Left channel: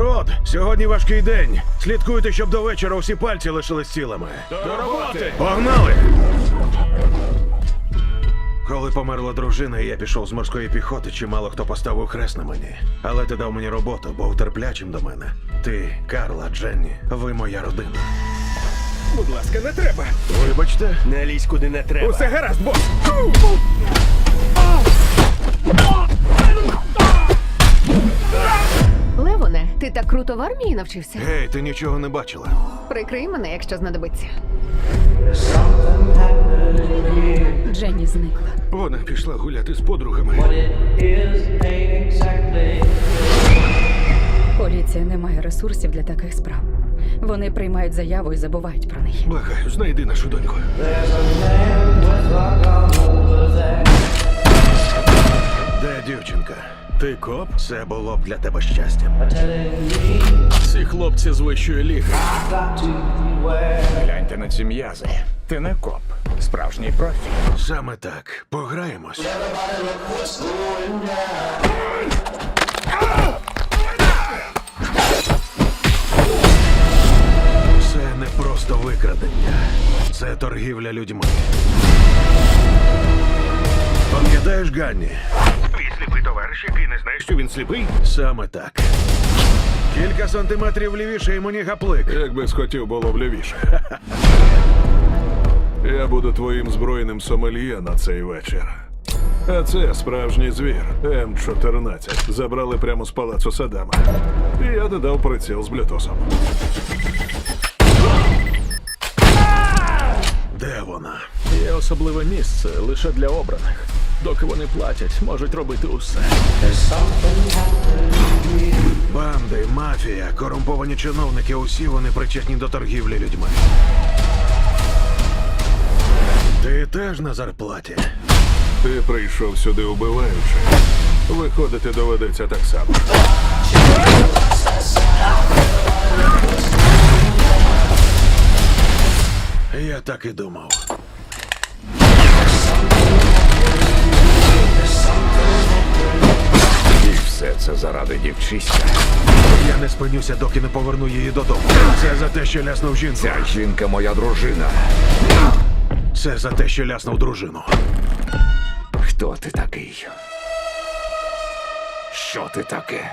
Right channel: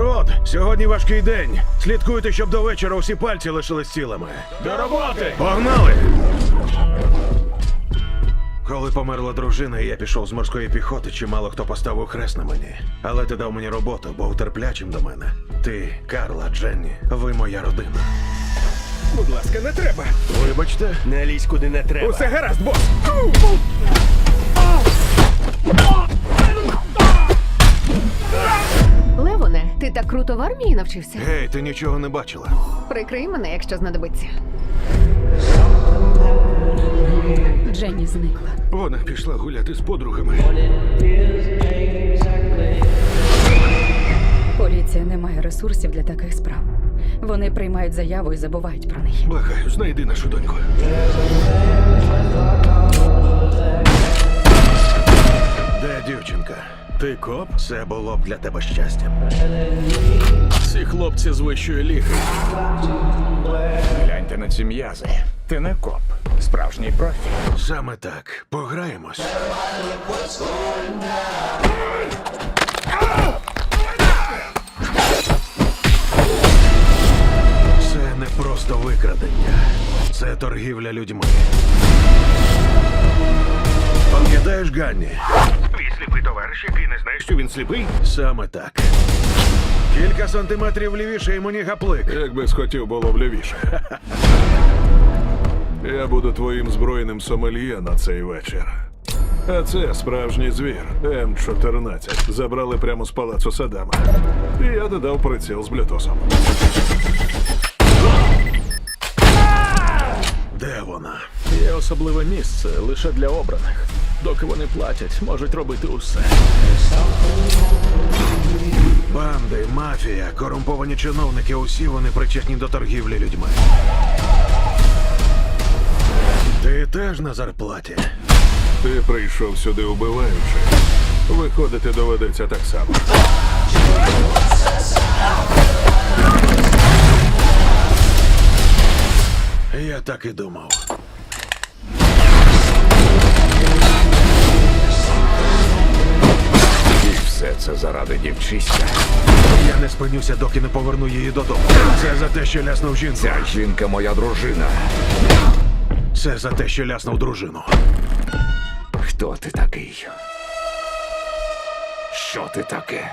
Народ, сьогодні важкий день. Слідкуйте, щоб до вечора усі пальці лишились цілими. До роботи! Погнали! Коли померла дружина, і я пішов з морської піхоти, чимало хто поставив хрест на мені. Але ти дав мені роботу, був терплячим до мене. Ти, Карла, Дженні, ви моя родина. Будь ласка, не треба. Вибачте, Не лізь куди не треба. Усе гаразд, бос! Ку! Ти так круто в армії навчився. Гей, ти нічого не бачила. Прикрий мене, якщо знадобиться. Дженні зникла. Вона пішла гуляти з подругами. Поліція не має ресурсів для таких справ. Вони приймають заяву і забувають про неї. Благаю, знайди нашу доньку. дівчинка. Ти коп? Це було б для тебе щастям. Ці хлопці з вищої ліги. Гляньте на ці м'язи. Ти не коп. Справжній профі. Саме так. Пограємось. Це не просто викрадення. Це торгівля людьми. Пам'ятаєш, Ганні? Твій сліпий товариш, який не знає, що він сліпий? Саме так. Кілька сантиметрів лівіше і мені гаплик. Якби схотів було б лівіше. Я буду твоїм збройним сомельє на цей вечір. А це справжній звір М14. Забрали прямо з палацу Садама. І я додав приціл з Блютосом. Де вона? Є особливе місце лише для обраних. Доки вони платять, можуть робити усе. Банди, мафія, корумповані чиновники. Усі вони причетні до торгівлі людьми. Ти теж на зарплаті. Ти прийшов сюди убиваючи. Виходити доведеться так само. Я так і думав. це заради дівчиська. Я не спинюся, доки не поверну її додому. Це за те, що ляснув жінку. Ця жінка моя дружина. Це за те, що ляснув дружину. Хто ти такий? Що ти таке?